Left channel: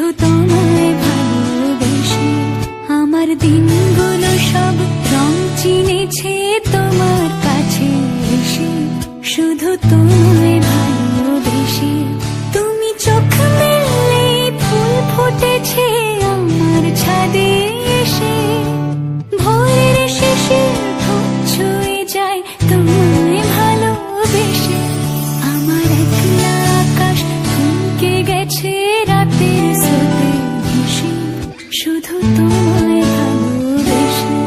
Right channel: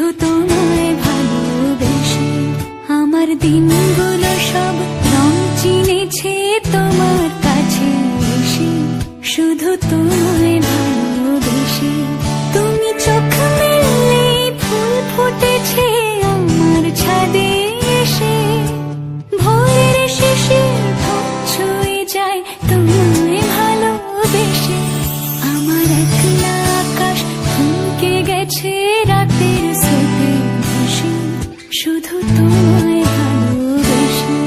শুধু তোমায় ভালোবেসে। আমার দিনগুলো সব রং চিনেছে তোমার কাছে এসে, শুধু তোমায় ভালোবেসে। তুমি চোখ মেললে ফুল ফুটেছে আমার ছাদে এসে, ভোরের শেষের ঢোক ছুঁয়ে যায় তোমায় ভালোবেসে। আমার একলা আকাশ থমকে গেছে রাতের স্রোতে ভেসে, শুধু তোমায় ভালোবেসে।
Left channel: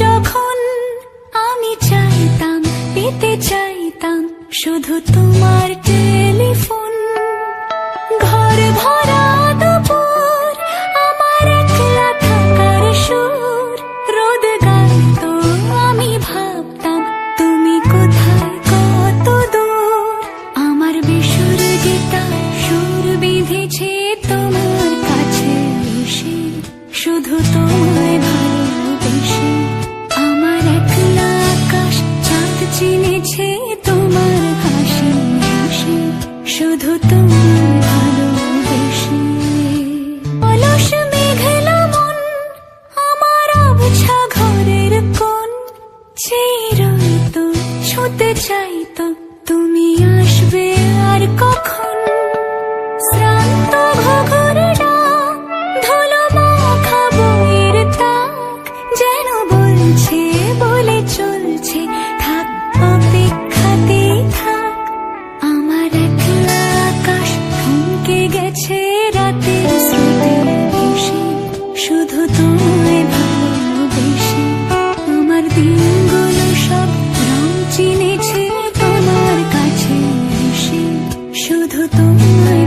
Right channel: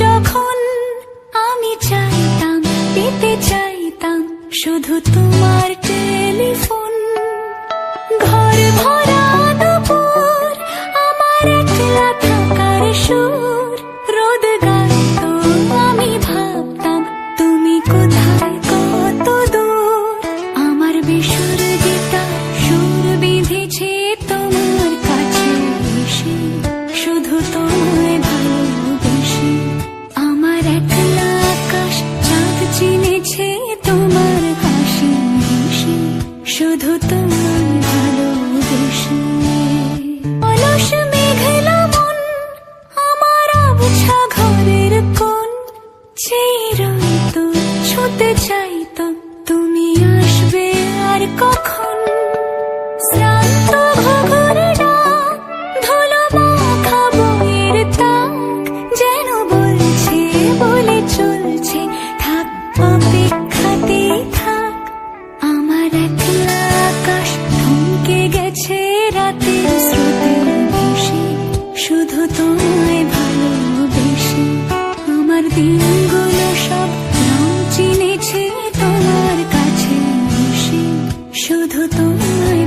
যখন আমি চাইতাম, পেতে চাইতাম শুধু তোমার টেলিফোন। ঘর ভরা দুপুর, আমার একলা থাকার সুর, রোদ গাইতো আমি ভাবতাম তুমি কোথায় কত দূর। আমার বেসুর গীতার সুর বিঁধেছে তোমার কাছে এসে, শুধু তোমায় ভালোবেসে। আমার একলা আকাশ চাঁদ চিনেছে তোমার হাসি হেসে, শুধু তোমায় ভালোবেসে। অলস মেঘলা মন আমার আবছা ঘরের কোণ, চেয়ে রইতো ছুঁতে চাইতো তুমি আসবে আর কখন। শ্রান্ত ঘুঘুর ডাক, ধুলো মাখা বইয়ের তাক, যেন বলছে বলে চলছে থাক অপেক্ষাতেই থাক। আমার একলা আকাশ থমকে গেছে রাতের স্রোতে ভেসে, শুধু তোমায় ভালোবেসে। আমার দিনগুলো সব রং চিনেছে তোমার কাছে এসে, শুধু তোমায়